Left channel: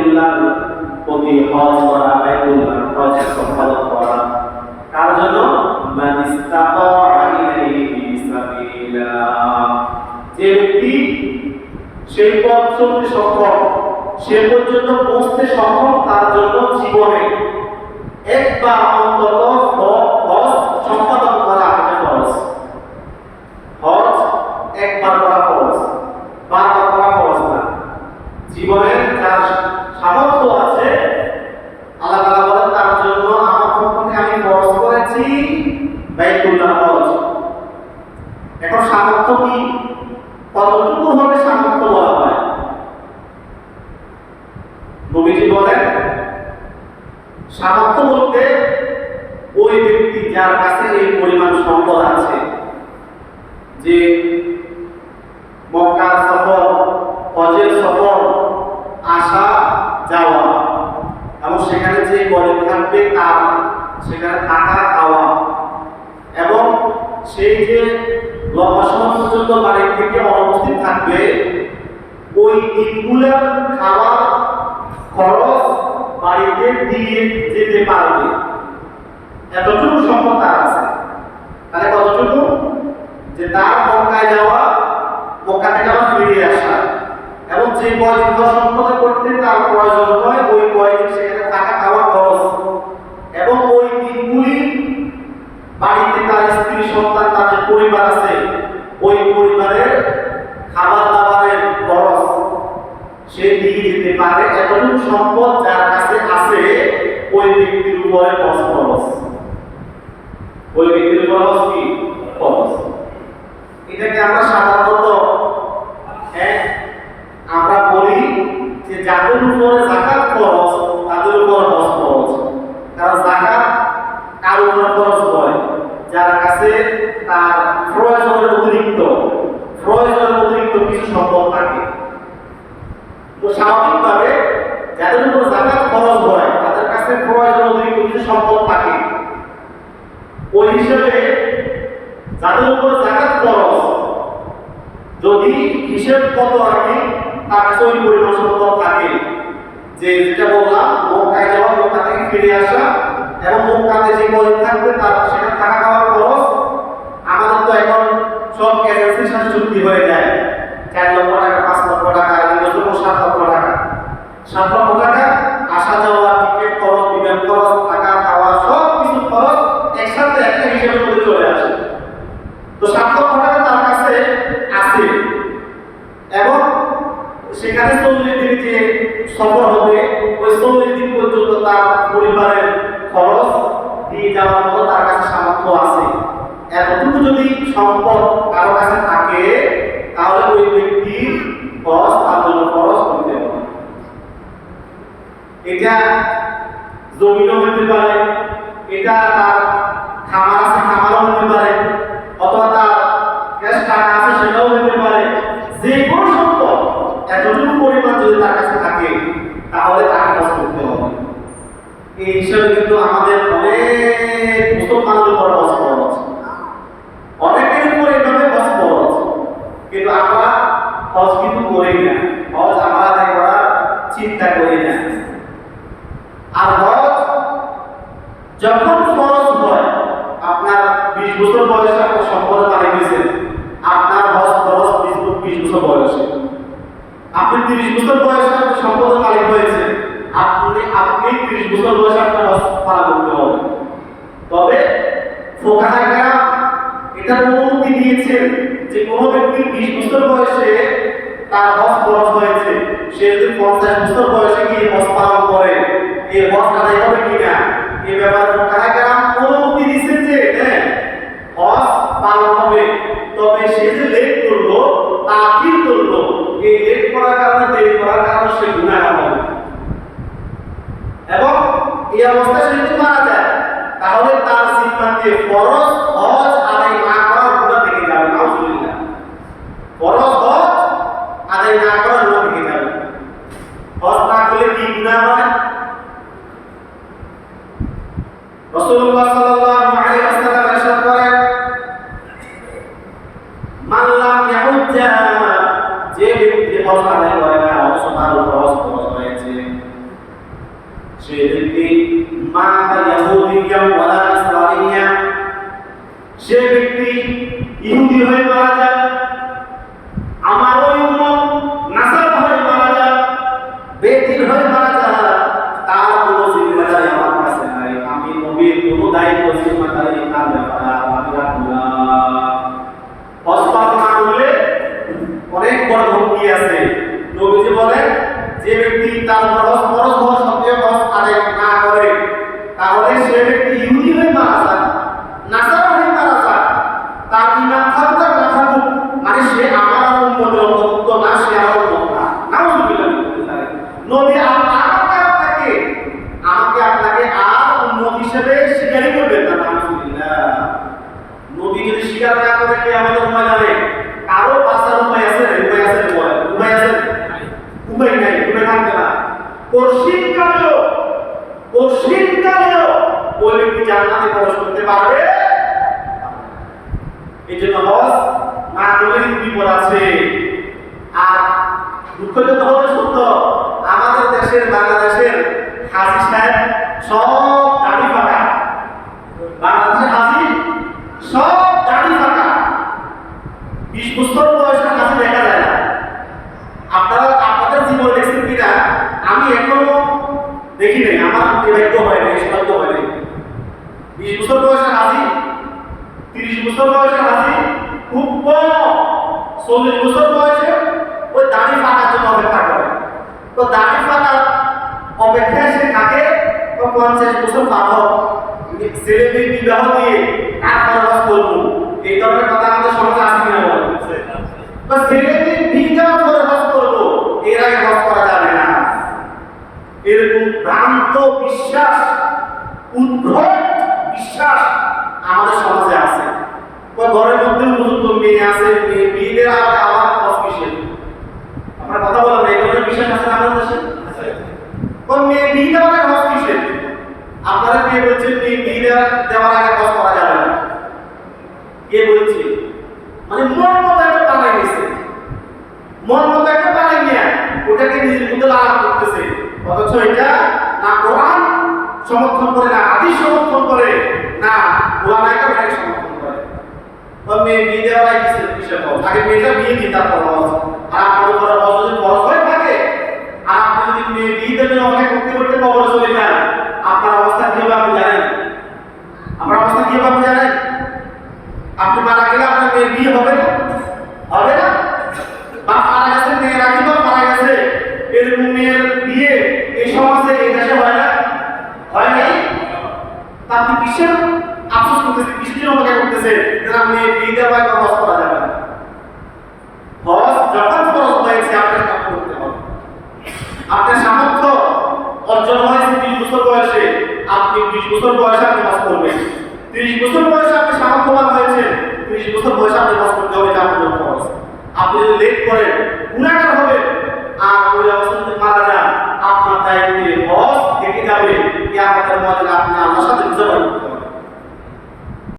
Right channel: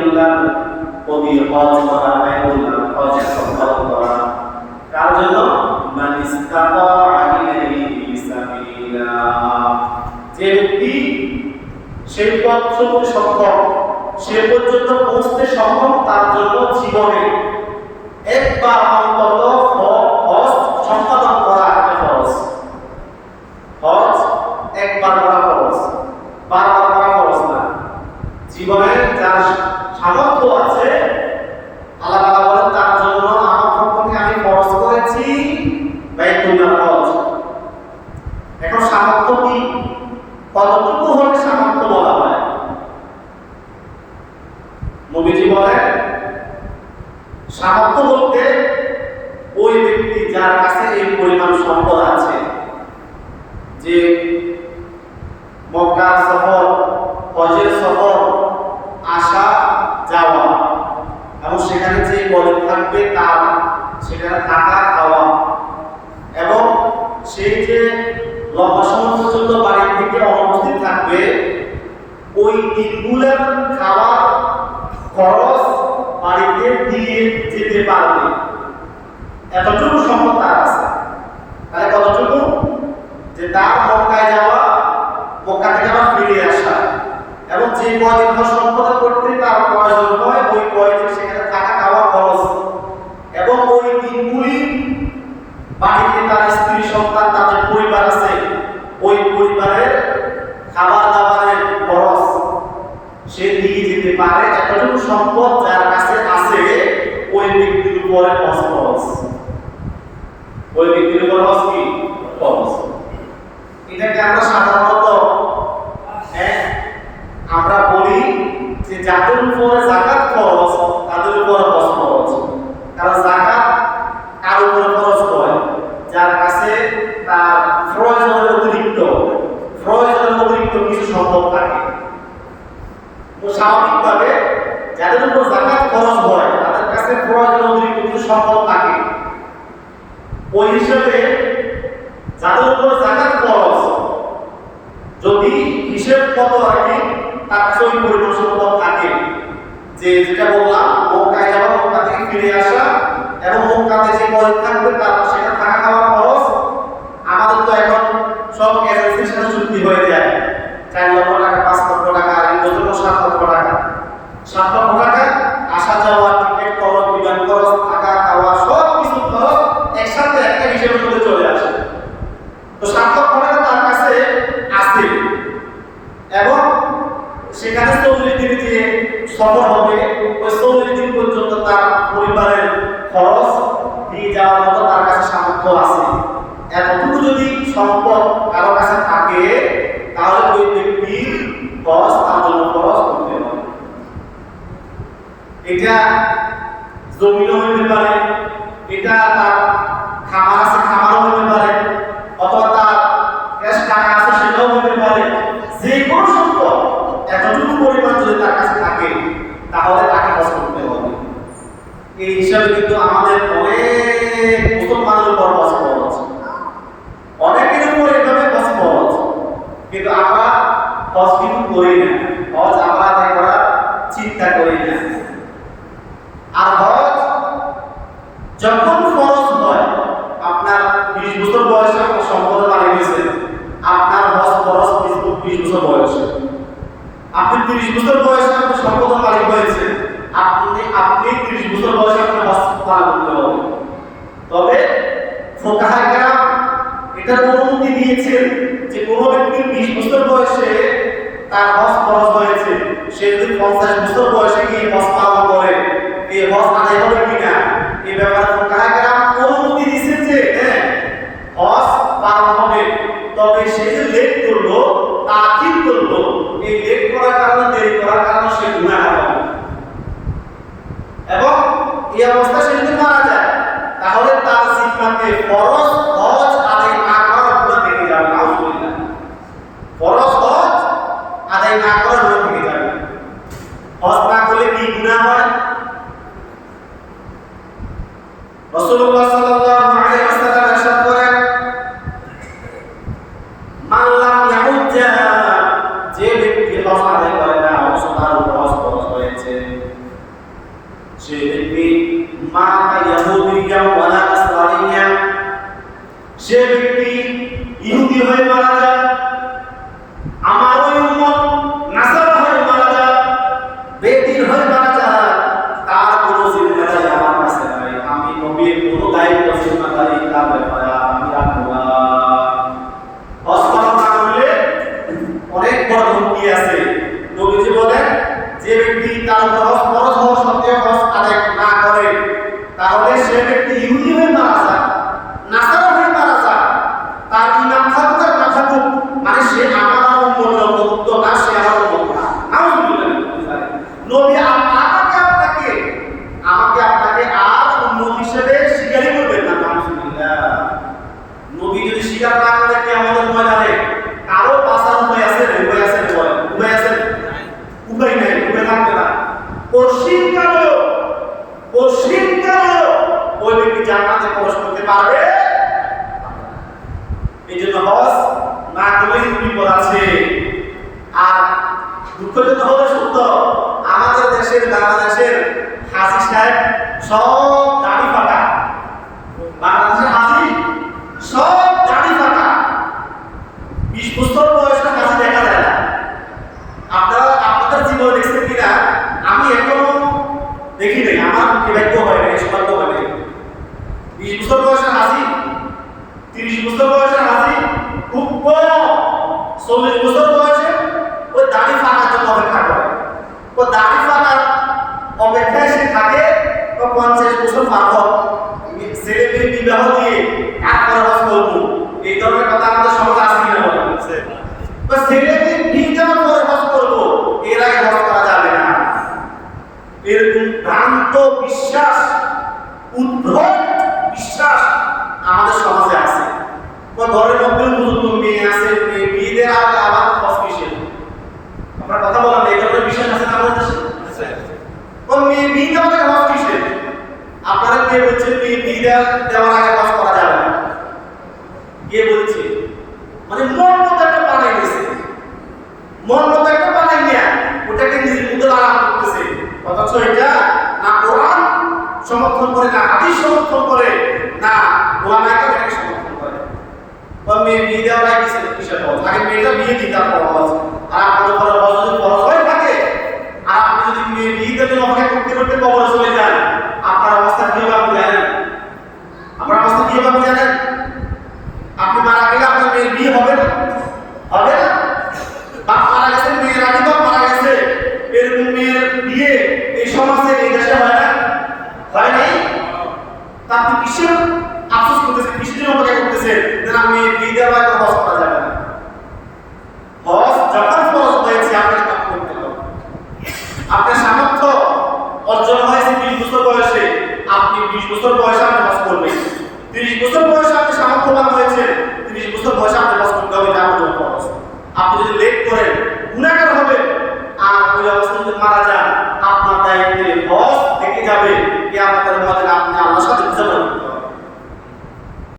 বাইতুল্লাহ প্রতি হজ করা, বাইতুল্লাহ হজ সম্পাদন করা কার জন্য? মান ইসতাতা ইলাইহি সাবিলা, যে ব্যক্তি সেই পথ চলতে সক্ষম, সে পর্যন্ত পৌঁছতে সক্ষম, তার জন্য জীবনে একবার অন্তত হজ সম্পাদন করা এটা ফরজ। হজ একবার করা ফরজ, বারবার করা ফরজ না। জীবনে যার সামর্থ্য আছে আল্লাহ তাআলা বলেন তার জন্য আমার পক্ষ থেকে আমি ফরজ করেছি বাইতুল্লাহ হজ। এখন সামর্থ্য কি, কতটুকু হলে সামর্থ্য বলা হয়? নবীজি বলেন সামর্থ্য বলতে ওই ব্যক্তি যার কাছে এই পরিমাণ সম্পদ আছে যে মক্কার সফর, হজের সফর, আসা যাওয়া এবং সেখানে যে গরিব থাকবে তার সেখানে থাকা খাওয়া এবং সেই যে লম্বা সময় পর্যন্ত বাড়ি থেকে অনুপস্থিত থাকবে ওই দিনগুলোর খাওয়ার খরচ বাড়িতে দিয়ে যেতে পারবে, এতটুকু সম্পদ তার আছে। তাহলে কতটুকু? যে তার মক্কায় যাওয়া, মক্কা থেকে আবার ফিরে আসা এবং যে কয়দিন সম্পদ করতে তার প্রয়োজন হয় ওই কয়দিন সেখানে থাকা খাওয়া খরচ এবং ওই দিনগুলি বাড়িতে তার স্ত্রী সন্তান তার যে পরিবার আছে ওই পরিবারের খাবার দাবারের খরচ সে দিয়ে যেতে পারে, এতটুকু সম্পদ যার কাছে আছে ওই ব্যক্তির উপরে খরচ, ওই ব্যক্তির উপর কি খরচ। এটাকে আমরা সাধারণত আমরা বলি যে যাদের উপরে যাকাত খরচ তাদের উপর হজ খরচ, কারণ যাকাত কার উপর খরচ হয়? যার কাছে তার প্রয়োজনের অতিরিক্ত কিছু সম্পদ থাকে। তো স্বাভাবিকভাবে যাদের উপর যাকাত খরচ হয় তাদের কাছে প্রয়োজনের অতিরিক্ত কিছু সম্পদ থাকে। ওই হিসেবে যাদের উপর যাকাত খরচ যদি হিসেব কত রাখি তার কাছে ওই পরিমাণ সম্পদ থাকে, যে যেটা বললাম মক্কায় যাওয়া, মক্কা থেকে ফিরে আসা এবং মক্কাতে যে গরিব থাকবে তার সেখানে থাকা খাওয়ার খরচ। আমাদের তো এখন সব এজেন্সির সাথে চুক্তি হয়ে যায়, 4 লক্ষ টাকা, 5 লক্ষ টাকা, 7 লক্ষ টাকা, 7 লক্ষ টাকা আসা যাওয়া, টিকিট খরচ, বিমান খরচ, থাকা খাওয়া সব কিছু খরচ একসাথে একটা হিসেবের মধ্যে চলে আসে। তো 7 লক্ষ টাকা তার কাছে আছে এবং সেখানে 40 দিন যে সফর হবে ওই 40 দিন পর্যন্ত তার পরিবারের খরচ দিয়ে যাওয়ার মতো তার কাছে সামর্থ্য আছে। এতটুকু যদি সম্পদ কারো কাছে থাকে তাহলে ওই ব্যক্তির খরচ তার জন্য খরচ করতে হবে। এটা জমিও হতে পারে, এটা তার খামার আছে খামারও হতে পারে, অথবা তার ক্যাশ টাকা আছে সেটাও হতে পারে। যে কোনো সম্পদ এতটুকু পরিমাণ যদি তার কাছে থাকে তাহলে তাকে খরচ করতে হবে। এই হিসাবে কিন্তু আমাদের অনেক মুসলমানের উপর খরচ খরচ, অনেকের উপর এভাবে খরচ খরচ, কিন্তু আমরা খরচ কিন্তু করি না, খরচ আমরা আদায় করার চিন্তা করি না। আর হজ যখন খরচ হয়, আপনার 20 বছর বয়সে আপনার সম্পদ বাড়িয়ে গেছে, আপনার হজ খরচ 20 বছর বয়সে, আপনি 30 বছর বয়সে আপনার সম্পদ মালিক হয়েছে, আপনি 30 বছর বয়সে আপনার হজ পালন করতে হবে। তবে ফুকাহা কেরাম এটার অনুমতি দিয়েছেন যে কোনো ব্যক্তির 20 বছর বয়সে তার হজ খরচ হয়েছে, সে যদি 50 বছর বয়সে গিয়ে হজ পালন করে এই হজ আদায় হবে কিনা এই ব্যাপারে ফুকাহা কেরাম অনুমতি দিয়েছেন যে হ্যাঁ হজ পালন হবে। তবে সে যে লেট করলো, তাকিদ করলো, এই লেট করার কারণে, দেরি করার কারণে সে গুনাহগার হবে এবং এই অবস্থায় সে যদি মারা যায় তাহলে তার জিম্মাতে ফরজ হজ আদায় না করার গুনাহ থেকে যাবে। নাউজুবিল্লাহ, ফরজ হজ আদায় না করার গুনাহ থেকে যাবে। হজ না করলে কি গুনাহ হয়? রাসূলুল্লাহ সাল্লাল্লাহু আলাইহি ওয়াসাল্লাম ইরশাদ করেন, মান লাম ইয়াহুজ্জা, যে ব্যক্তি হজ আদায় করে না, অবশ্য তার উপর হজ খরচ হয়েছে। হয়েছে সে ব্যক্তি মাতা ইয়াহুদিয়া ওয়ালা নাসরানিয়া, সে ব্যক্তি ইহুদি হয়ে মারা যায়, আমার ওই উম্মত নাসারা হয়ে মারা যায়, বেদিন হয়ে মারা যায়, তার কোনো জিম্মাদারি আমার কাছে নাই। আমি নবীর কোনো দায়িত্ব জিম্মাদারি তার ব্যাপারে আমি রাখবো না। হজ না করলে অনেক বড় হুমকি আছে। নবীজি বলেন, যে ব্যক্তি তার হজ ফরজ হওয়া সত্ত্বেও হজ আদায় না করে, তাহলে সে ব্যক্তি ইহুদি হয়ে মারা যায়, নাসারা হয়ে মারা যায়, তার ইমান থাকুক আর না থাকুক, মানে সে আমার উম্মতের অন্তর্ভুক্ত না, সে আমার উম্মত না। নাউযুবিল্লাহ। নবী আমাকে আপনাকে আর উম্মত হিসেবে স্বীকারই করবেন না। নাউযুবিল্লাহ। নবী যদি স্বীকার না করে কিয়ামতের ময়দানে কারো বাঁচার উপায় আছে? উপায় আছে? বলেন, উপায় আছে? উপায় নাই, উপায় থাকবে না। পশ্চিমকালেও ওই ব্যক্তি জান্নাতে প্রবেশ করতে পারবে। এই জন্য হজ না করলে বিপদ আছে। আর দুঃখজনক হলো সত্য, আমাদের দেশের বাংলাদেশের হাজী সাহেব সব দাড়ি ফাঁকা। বাংলাদেশের হাজী সব দাড়ি ফাঁকা। 20 বছর বয়সে হাজী দেখা যায় না। আপনারা আপনাদের জীবনে দেখছেন কিনা আমি এখনো দেখি নাই, আমার ভাগ্য হয় নাই, সৌভাগ্য হয় নাই। 20 বছর বয়সের হাজী, 30 বছর বয়সের হাজী খুব কম, 40 বছর বয়সে ওই দাড়ি ফাঁকার জন্য অপেক্ষা করে। তো দাড়ি ফাঁকার অপেক্ষায় সে থাকে 50 বছর পার হোক, ছেলে মেয়ে বিবাহ দিয়ে তারপরে হজ করবো। এই ধরনের কথা আমাদের সমাজে আছে কিনা বলেন? তো ছেলে মেয়ে বিয়ে দেওয়ার পরে হজ করবো, এর আগে হজ করা যাবে না। এরকম ভ্রান্ত বিশ্বাস, উদ্ভট বিশ্বাস আমাদের সমাজে আছে। ঘরের মধ্যে উপযুক্ত মেয়ে আছে, মেয়ে বিয়ে দেওয়ার আগে আবার হজ কিসের? আপনার কথা বলেন, এই ধরনের বিশ্বাস আছে না আমাদের দেশে? মেয়ে বিয়ে দেওয়ার আগে হজ কিসের? আপনারা কে বলছেন মেয়ে বিয়ে দেওয়ার আগে হজ করা যাবে না? কে বলছে? মানে মন মতো একটা বানাই নিয়েছে, মন মতো একটা বানাই নিয়ে ওটাকে নিজের মধ্যে লাগান করতেছে। অথচ এটা না কোরআন সমর্থন করে, না হাদিস সমর্থন করে, না ওলামায়ে কেরাম এটাকে সমর্থন করে। মেয়ে বিয়ে দেওয়ার আগে কিসের হজ? আগে মেয়েটা বিয়ে দিই তারপর হজ। আর আপনার উপরে হজ যদি ফরজ হয়ে থাকে, আর আপনি যদি মেয়ে বিয়ে দেওয়ার জন্য অপেক্ষা করতে করতে কবরে চলে যান, আপনার অবস্থা কি হবে আপনি জানেন? আপনার অবস্থা কি হবে আপনি জানেন? আপনি মারা গেলে আপনার মেয়ের বিয়ে হবে না? হবে না? বাপ মারা গেছে, মেয়ের আগে বাপ মারা গেছে, এরকম মেয়ের বিয়ে এই সমাজে এই দেশে হয় না? হয় নাই? তা আপনি কিসের আফসোস করতেছেন, কিসের অপেক্ষা করতেছেন যে না মেয়ে বিয়ে দেওয়া আগে হজ করা যাবে না? হজ যখন ফরজ হয়েছে আপনাকে তখন করতে হবে। আপনার সামর্থ্য অর্জন হয়েছে 20 বছর বয়সে, আপনি 20 বছর বয়সে আপনি হজ করবেন। 30 বছর বয়সে আপনি সামর্থ্যবান হয়েছেন, 30 বছর বয়সে আপনি হজ করতে হবে, এটা আপনার ফরজ। আপনি যদি লেট করেন গুনাহগার হবেন, আর ওই অবস্থায় যদি মারা যান আপনার দায়িত্বে হজ থেকে যাবে। কিয়ামতের ময়দানে আপনি